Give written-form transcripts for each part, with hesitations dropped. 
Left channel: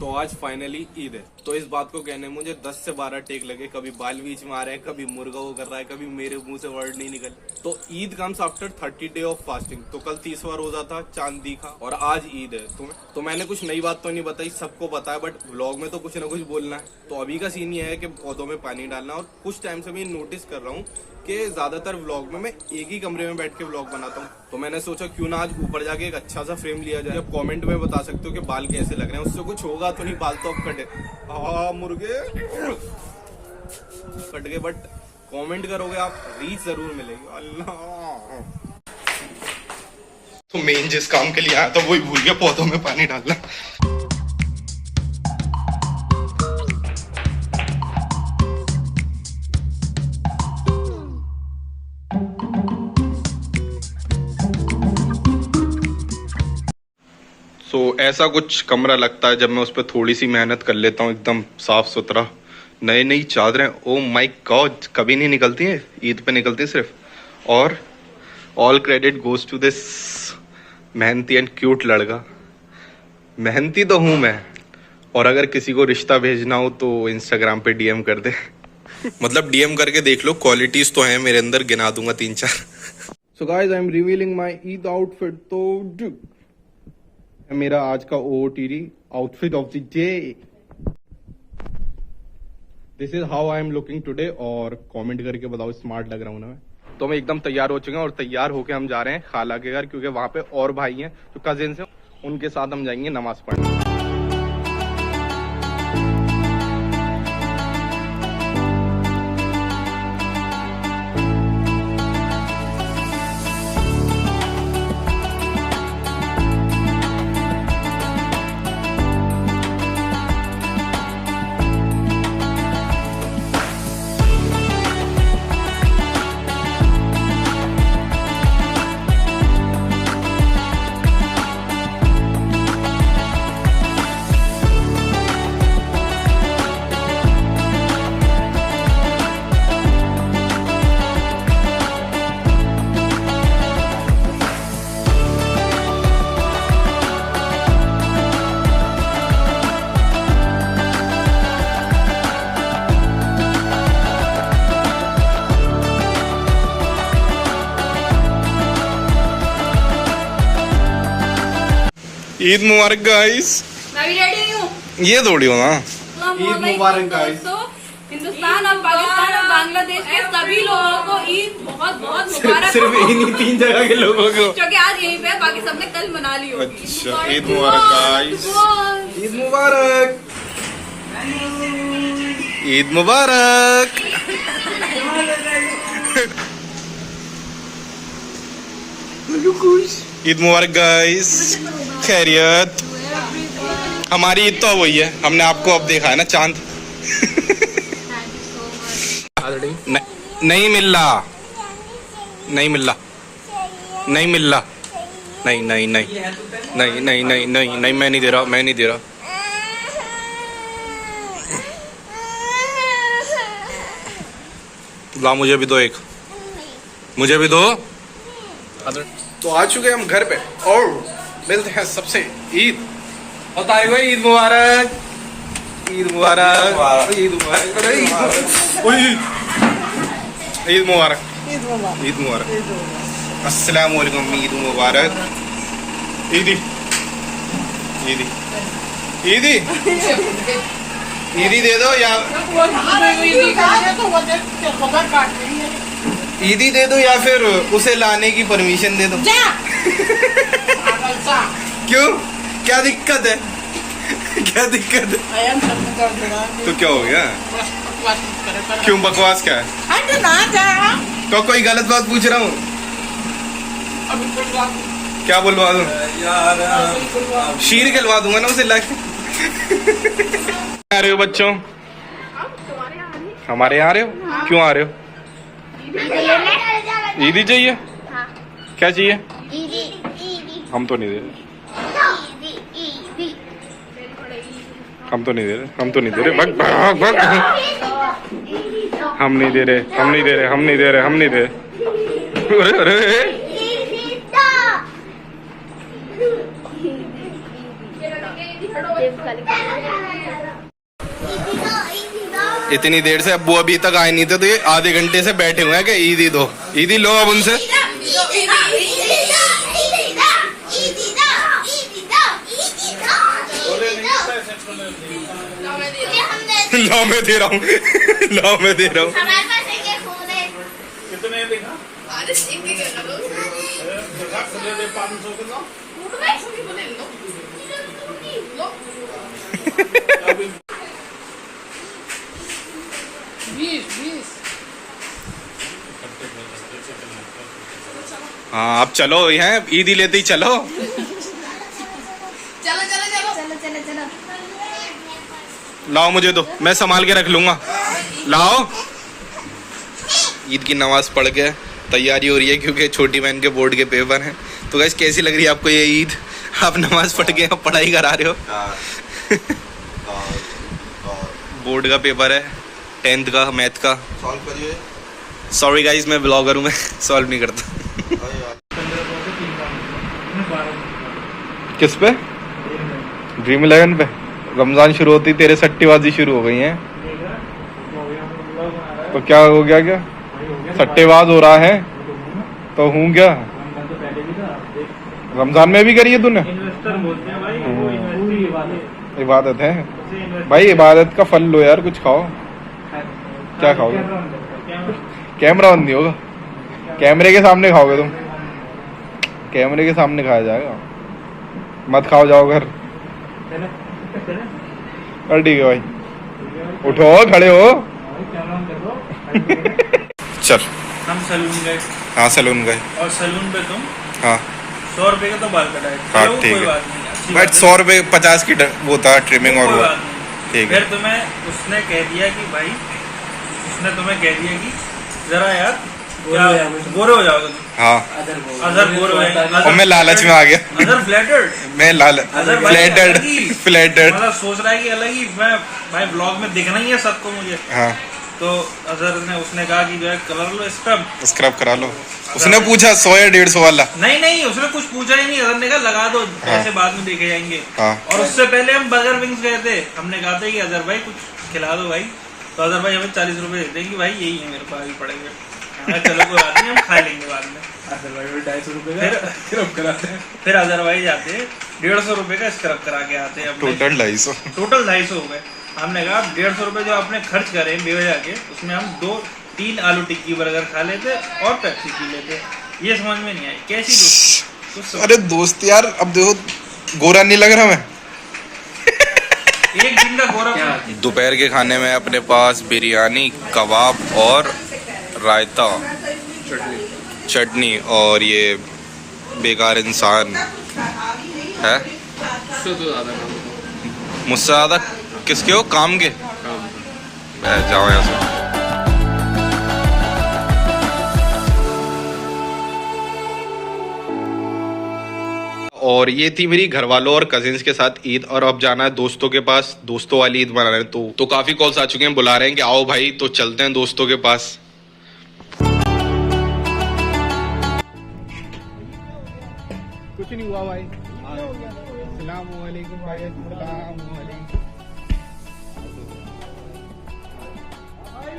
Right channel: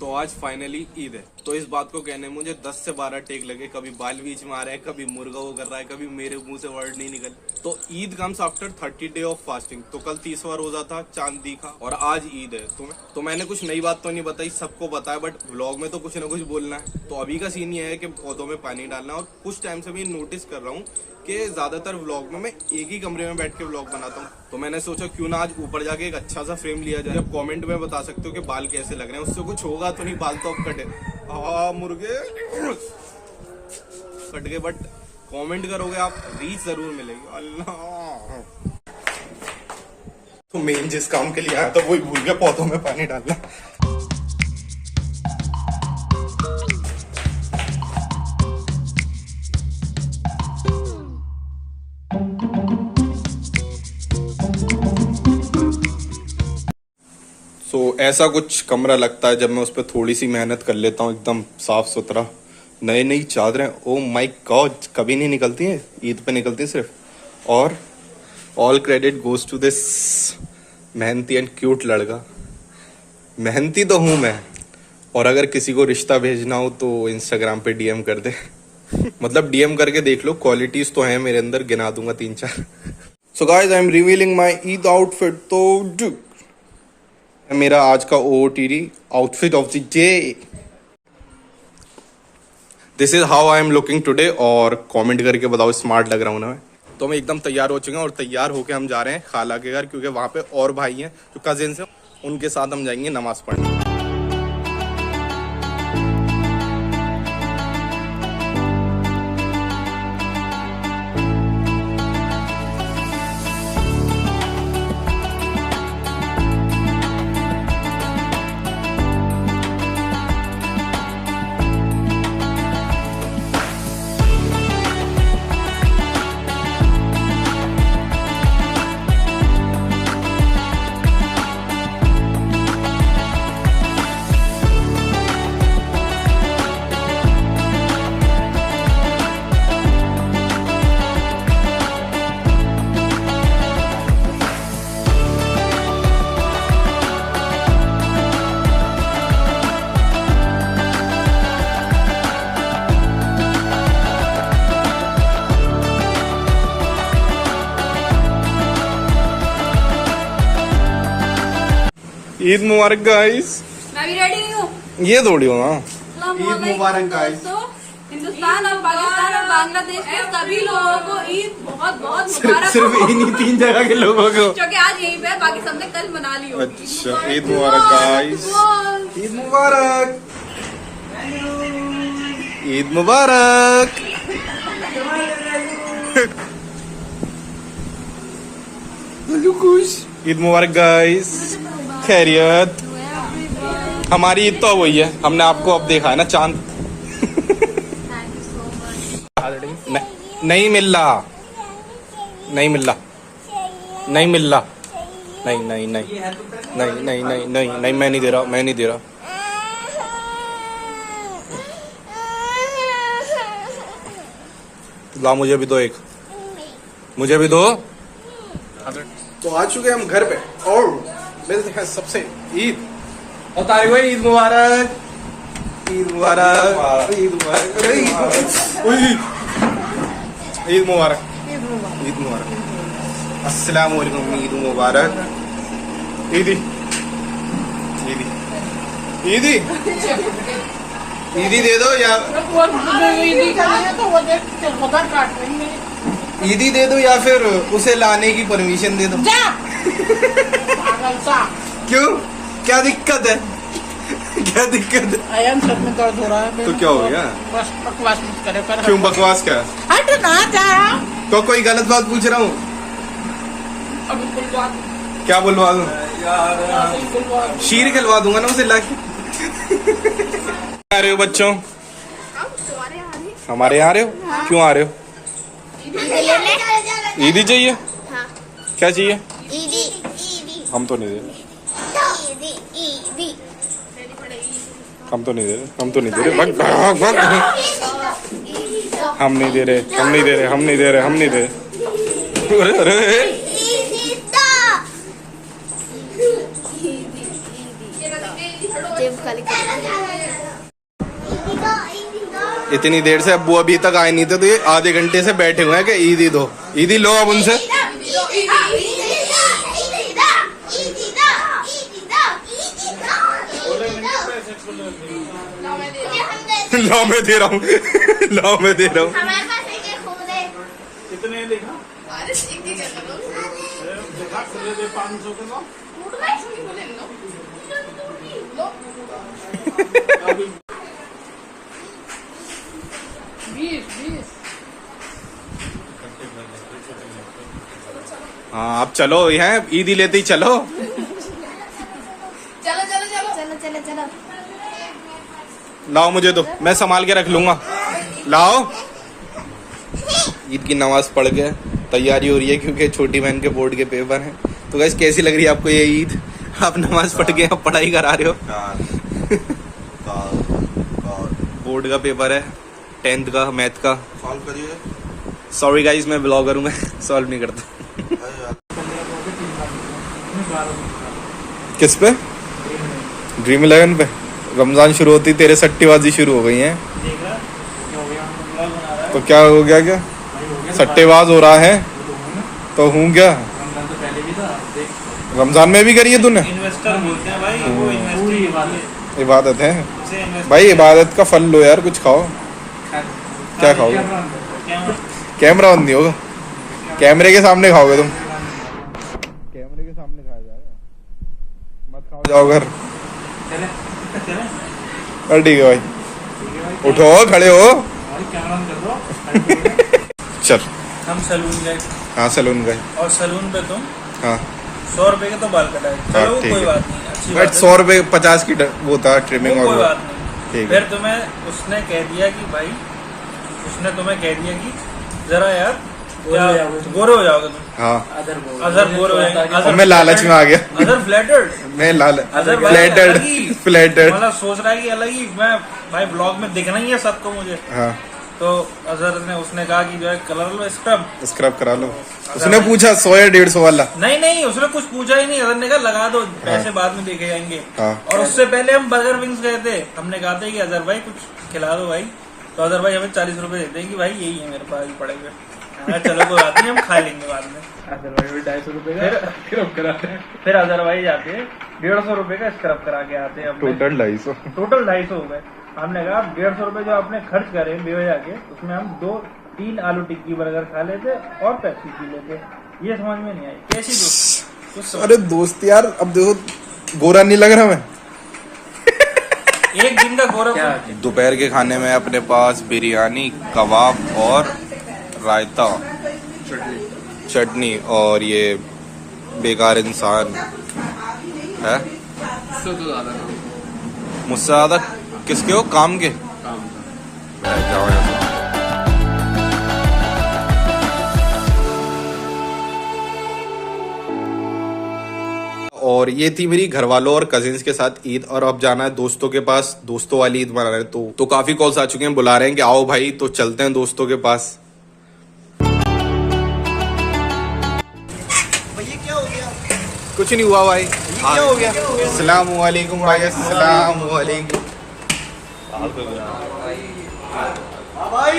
तो आज फाइनली ईद है, तो इस बात को कहने में मुझे 10 से 12 टेक लगे। कभी बाल बीच में आ रहे हैं, कभी मुर्गा वो कर रहा है, कभी मेरे मुंह से वर्ड नहीं निकल। तो Eid comes after 30 day of fasting. तो कल 30वां रोजा था, चांद दिखा, और आज ईद है। तो मैंने कुछ नई बात तो नहीं बताई, सबको पता है, बट व्लॉग में तो कुछ ना कुछ बोलना है। तो अभी का सीन ये है कि पौधों में पानी डालना, और कुछ टाइम से मैं नोटिस कर रहा हूँ कि ज्यादातर व्लॉग में मैं एक ही कमरे में बैठ के व्लॉग बनाता हूँ। तो मैंने सोचा क्यों ना आज ऊपर जाके एक अच्छा सा फ्रेम लिया जाए। आप कमेंट में बता सकते हो कि बाल कैसे लग रहे हैं, उससे कुछ होगा तो नहीं, बाल तो अब कटे। मुर्गे कट गए, बट कमेंट करोगे आप, रीच जरूर मिलेगी। अल्लाह, तो मेन जिस काम के लिए आया था वही भूल गया, पौधों में पानी डालना। ऐसा कुछ कमरा लगता है जब मैं उस पर थोड़ी सी मेहनत कर लेता हूँ। एकदम साफ सुथरा, नई नई चादरें, ओ माय गॉड, कभी नहीं निकलती हैं, ईद पे निकलती है सिर्फ। और all credit goes to this मेहनती एंड क्यूट लड़का। मेहनती तो हूँ मैं, और अगर किसी को रिश्ता भेजना हो तो इंस्टाग्राम पे डीएम कर दे। मतलब डीएम करके देख लो, क्वालिटीज तो हैं मेरे अंदर, गिना दूंगा 3-4। So guys, I am revealing my Eid outfit. तो मेरा आज का OOTD outfit of the day, this is how I am looking today. और कमेंट करके बताओ स्मार्ट लग रहा हूँ ना मैं। तो मैं एकदम तैयार हो चुके हैं, और तैयार होके हम जा रहे हैं खाला के घर, क्योंकि वहां पे और भाई हैं जो कजिन्स हैं, उनके साथ हम जाएंगे नमाज पढ़ने। ईद मुबारक गाइस। मैं भी रेडी हूँ। ये थोड़ी हो ना। ईद मुबारक गाइस। हिंदुस्तान और पाकिस्तान और बांग्लादेश के सभी लोगों को ईद बहुत बहुत मुबारक। सिर्फ इन्हीं 3 जगह के लोगों को, क्योंकि आज यहीं पे, बाकी सबने कल मना ली हो। अच्छा, ईद मुबारक गाइस। ईद मुबारक, ईद मुबारक। ईद मुबारक गाइस। खैरियत, हमारी ईद तो वही है, हमने आपको अब देखा है ना चांद। नहीं मिल रहा, नहीं मिल रहा, नहीं मिल रहा, नहीं नहीं नहीं नहीं नहीं नहीं नहीं नहीं, मैं नहीं दे रहा, मैं नहीं दे रहा। ला, मुझे भी दो एक, मुझे भी दो। तो आ चुके हम घर पे, और मिलते हैं सबसे। ईद और तारीख भाई, ईद मुबारक, ईद मुबारक, ईद मुबारक, अरे ईद मुबारक, ईद मुबारक, अस्सलाम वालेकुम, ईद मुबारक। ईदी ईदी ईदी ईदी दे दो, या ईदी दे दो, या फिर उसे लाने की परमिशन दे दो। क्यों, क्या दिक्कत है? क्या दिक्कत है? तो क्या हो गया? क्यों बकवास क्या है? तो कोई गलत बात पूछ रहा हूँ, क्या बुलवा दूँ? शीर खिलवा दूंगा ना उसे लाके। आ रहे हो बच्चों? हमारे यहाँ आ रहे हो? क्यों आ रहे हो? ईदी चाहिए? क्या चाहिए? हम तो नहीं दे रहे, हम तो नहीं दे रहे, हम तो नहीं दे रहे, भग भग भग, हम नहीं दे रहे, हम नहीं दे रहे, हम नहीं दे रहे, हम नहीं दे रहे। अरे अरे, इतनी देर से अब्बू अभी तक आए नहीं थे, तो ये आधे घंटे से बैठे हुए हैं कि ईदी दो, ईदी लो अब उनसे। लो मैं दे रहा हूँ, लो मैं दे रहा हूँ। कितने देखा? हाँ आप चलो, यहाँ ईदी लेते ही चलो। चलो चलो चलो चलो चलो चलो। लाओ मुझे दो, मैं संभाल के रख लूंगा। लाओ। ईद की नमाज पढ़ के तैयारी हो रही है क्योंकि छोटी बहन के बोर्ड के पेपर हैं। तो गाइस कैसी लग रही है आपको ये ईद? आप नमाज पढ़ के आप पढ़ाई करा रहे हो। बोर्ड का पेपर है 10th का मैथ का। सॉल्व करिए। सॉरी गाइस मैं ब्लॉगर हूँ, मैं सॉल्व नहीं करता। किस पे? ड्रीम 11 पे। रमजान शुरू होती तेरे सट्टेबाजी शुरू हो गई है। तो क्या हो गया? क्या सट्टेबाज हो रहा है? तो हूँ क्या? रमजान में भी करी है तूने? इन्वेस्टर बोलते हैं भाई, वो इन्वेस्टिंग इबादत है है भाई, इबादत का फल लो यार, कुछ खाओ। क्या खाओगे? कैमरा बंद नहीं होगा, कैमरे के सामने खाओगे तुम, कैमरे के सामने खाया जाएगा। मत खाओ, जाओ घर। अरे ठीक है भाई, उठो खड़े हो। चल हम सलून गए। हाँ सलून गए। और सलून पे तुम हाँ 100 रुपए का तो बाल कटाए। हाँ, चलो ठीक कोई है। बात नहीं, अच्छी बट बात है। 100 रुपए 50 की वो था ट्रिमिंग और कोई वो। बात नहीं। ठीक है। फिर तुम्हें उसने कह दिया कि भाई, उसने तुम्हें कह दिया कि जरा यार गोरे हो जाओगे तुम। हाँ अदर गोरे हो जाएंगे। और मैं लालच में आ गया। Other flattered. मैं अदर फ्लैटर्ड फ्लैटर्ड। मतलब सोच रहा है कि अलग ही मैं भाई ब्लॉग में दिखना ही है सबको मुझे। हाँ तो अजहर ने उसने कहा कि जो है कलर लो स्क्रब। स्क्रब करा लो। उसने पूछा 100 या 150 वाला? नहीं उसने कुछ पूछा ही नहीं। अजहर ने कहा लगा दो, पैसे बाद में देखे जाएंगे। हाँ। और उससे पहले हम बर्गर विंग्स गए थे। हमने कहा था कि अजहर भाई कुछ खिला दो भाई। तो अजहर भाई हमें 40 रुपए देते हैं कि भाई यही है मेरे पास, अभी पड़े हुए। हाँ, चलो कोई बात नहीं, हम खा लेंगे बाद में। फिर अजहर भाई जाते 150 रुपए का स्क्रब करा के आते हैं। टोटल 250। टोटल 250 हो गए। हमने कहा 150 रुपए जो आपने खर्च करे बेवजह के, उसमें हम 2-3 आलू टिक्की बर्गर खा लेते और पेप्सी पी लेते। ये समझ में नहीं आई कैसी दोस्ती। अरे दोस्त यार, अब देखो गोरा नहीं लग रहा मैं। एक दिन का गोरा। दोपहर के खाने में अपने पास बिरयानी, कबाब और रायता, चटनी और ये बेकार इंसान है। मुझसे ज्यादा किसके हो? काम के। बैठ जाओ यहाँ से। और ये थी मेरी घर वालों और कजिन्स के साथ ईद। और अब जाना है दोस्तों के पास, दोस्तों वाली ईद मना रहे हैं। तो काफी कॉल्स आ चुके हैं, बुला रहे हैं कि आओ भाई, तो चलते हैं दोस्तों के पास। कुछ नहीं हुआ भाई। क्या हो गया? अस्सलाम वालेकुम भाई। अस्सलाम वालेकुम भाई।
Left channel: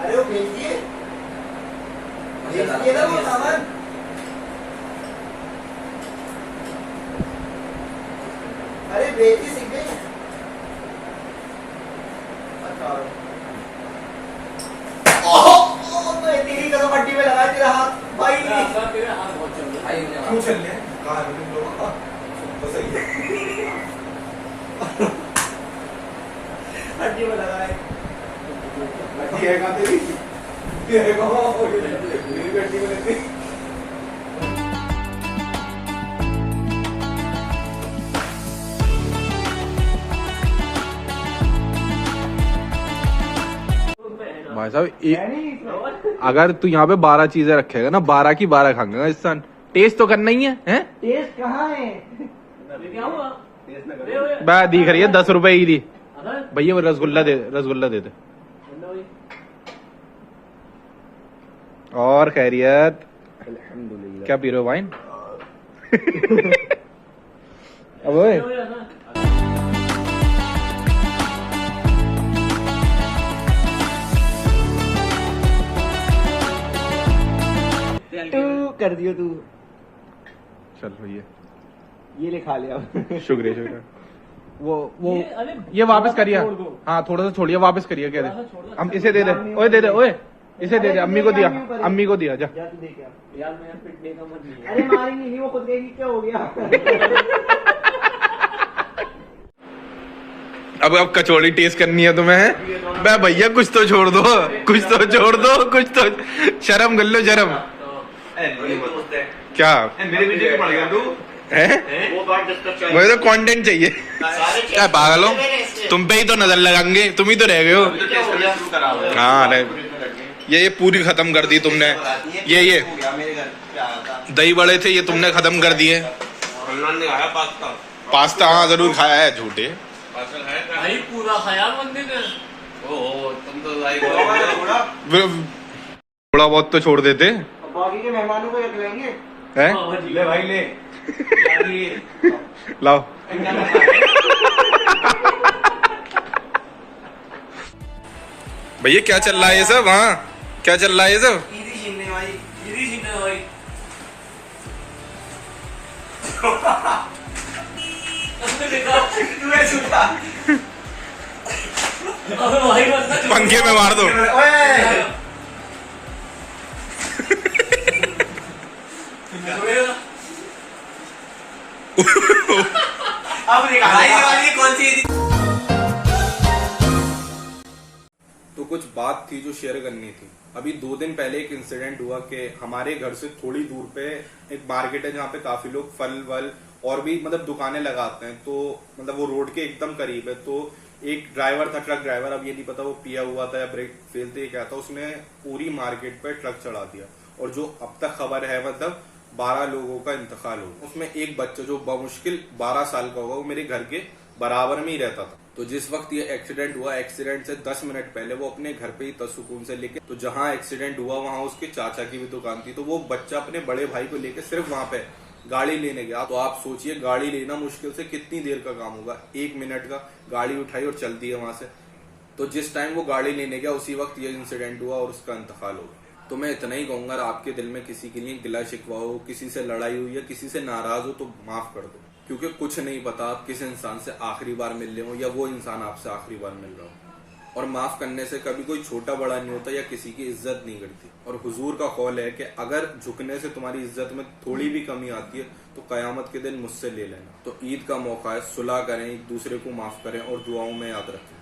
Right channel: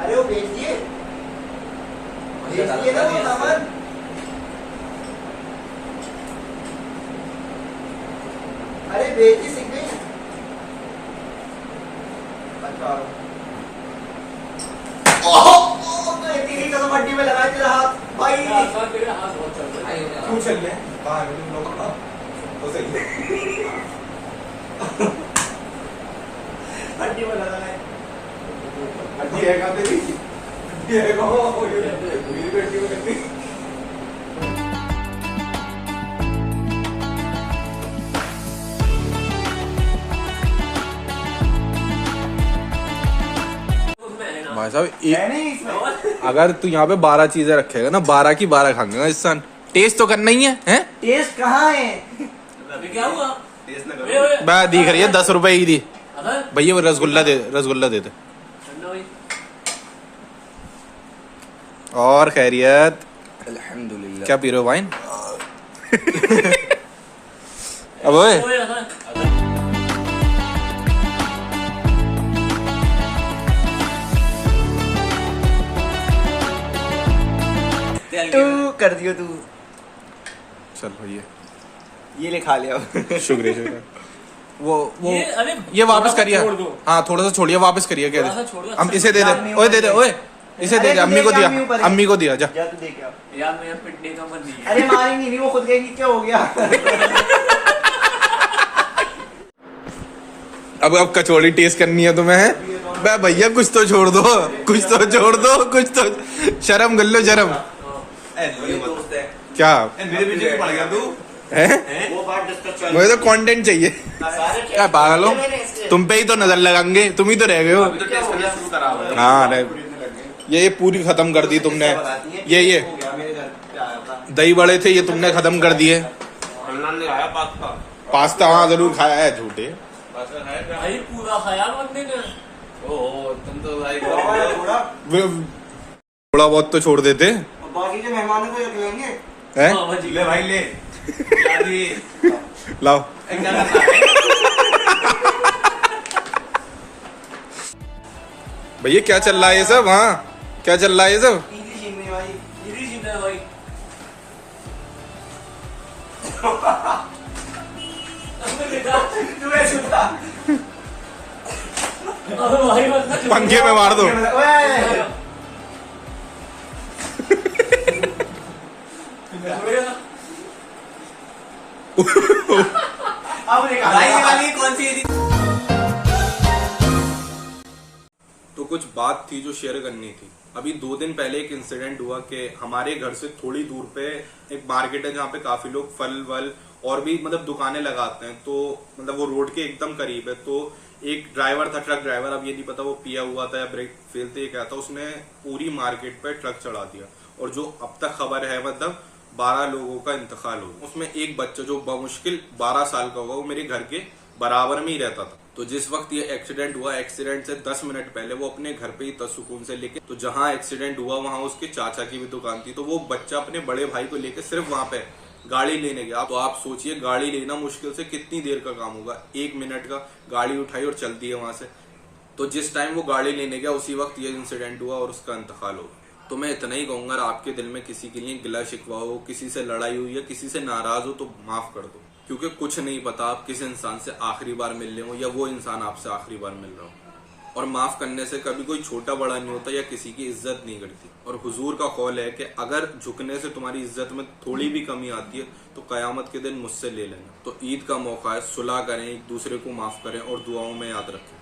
अरे वो भेज दिए ना वो सामान। अरे बेटी सीख गई। अच्छा तेरी कसम हड्डी में लगा तेरा हाथ भाई। तेरे हाथ बहुत चल रहा है। क्यों चल रहे हैं? कहाँ है तुम लोगों का? तो सही है। हड्डी में लगा है। हड्डी है कहाँ तेरी? ये है कहाँ? मेरी हड्डी में लगी। भाई साहब अगर तू यहाँ पे 12 चीजें रखेगा ना, 12 की 12 खाऊंगा इस सन। टेस्ट तो करना ही है, हैं? टेस्ट कहाँ है? क्या हुआ? टेस्ट ना करो। बा दिख रही है 10 रुपए की दी भैया, वो रसगुल्ला दे दे दे। और खैरियत? अल्हम्दुलिल्लाह। क्या पी रहे हो, वाइन? अब ओए तू कर दियो तू। चल भैया, ये ले खा लिया। शुक्रिया। वो अरे ये वापस करिए। छोड़ दो। हाँ थोड़ा सा छोड़िए, वापस करिए। क्या थोड़ा सा छोड़ दो। हम इसे दे दे, ओए दे दे, ओए इसे दे दे। अम्मी को दिया, अम्मी को दिया। जा जा तू देख आ। यार मेरा पिटने का मन नहीं है। अरे मारेंगी नहीं, वो खुद कहेंगी क्या हो गया। अब कचौड़ी टेस्ट करनी है तुम्हें, है बे भैया? कुछ तो छोड़ दो, कुछ तो छोड़ दो, कुछ तो शर्म कर लो, शर्म। क्या मेरे पीछे क्यों पड़ गया तू? है? वो बात डिस्कस मुझे तो कंटेंट चाहिए। क्या पागल हो? तुम पे ही तो नजर लगाएंगे, तुम ही तो रह गए हो। शुरू करा हुआ है। हाँ अरे ये पूरी खत्म कर दी तुमने। ये हो गया, मेरे घर पे आया था। दही बड़े थे, ये तुमने खत्म कर दिए। हनुमान ने खाया पास्ता। पास्ता हाँ जरूर खाया है, झूठे। भाई पूरा खाया बंदे ने। ओहो तुम तो लाइक थोड़ा बहुत तो छोड़ देते बाकी के मेहमानों को एक लेंगे। हैं? बाबा जी ले भाई ले। लाओ। भैया क्या चल रहा है ये सब? हाँ क्या चल रहा है ये सब? इजी छीनने भाई। इजी सीखना है भाई। हमने देखा। तू ऐसे उठा। अबे भाई मत पंखे में मार दो। ओए अब देखा वाली कौन सी थी? तो कुछ बात थी जो शेयर करनी थी। अभी 2 दिन पहले एक इंसिडेंट हुआ कि हमारे घर से थोड़ी दूर पे एक मार्केट है जहाँ पे काफी लोग फल वल और भी मतलब दुकानें लगाते हैं। तो मतलब वो रोड के एकदम करीब है। तो एक ड्राइवर था, ट्रक ड्राइवर, अब ये नहीं पता वो पिया हुआ था या ब्रेक फेल थे, क्या था, उसने पूरी मार्केट पे ट्रक चढ़ा दिया। और जो अब तक खबर है मतलब 12 लोगों का इंतकाल हो। उसमें एक बच्चा जो बमुश्किल 12 साल का होगा, वो मेरे घर के बराबर में ही रहता था। तो जिस वक्त ये एक्सीडेंट हुआ, एक्सीडेंट से 10 मिनट पहले वो अपने घर पे ही था सुकून से। लेके तो जहां एक्सीडेंट हुआ वहां उसके चाचा की भी दुकान थी। तो वो बच्चा अपने बड़े भाई को लेके सिर्फ वहां पे गाड़ी लेने गया। तो आप सोचिए गाड़ी लेना मुश्किल से कितनी देर का काम होगा। 1 मिनट का, गाड़ी उठाई और चल दी है वहां से। तो जिस टाइम वो गाड़ी लेने गया उसी वक्त ये इंसिडेंट हुआ और उसका इंतकाल हो गया। तो मैं इतना ही कहूंगा, आपके दिल में किसी के लिए गिला शिकवा हो, किसी से लड़ाई हुई या किसी से नाराज हो, तो माफ कर दो। क्योंकि कुछ नहीं पता आप किस इंसान से आखिरी बार मिल रहे हो या वो इंसान आपसे आखिरी बार मिल रहा हो। और माफ करने से कभी कोई छोटा बड़ा नहीं होता या किसी की इज्जत नहीं करती। और हुजूर का कौल है कि अगर झुकने से तुम्हारी इज्जत में थोड़ी भी कमी आती है तो कयामत के दिन मुझसे ले लेना। तो ईद का मौका है, सुलह करें, एक दूसरे को माफ करें और दुआओं में याद रखें।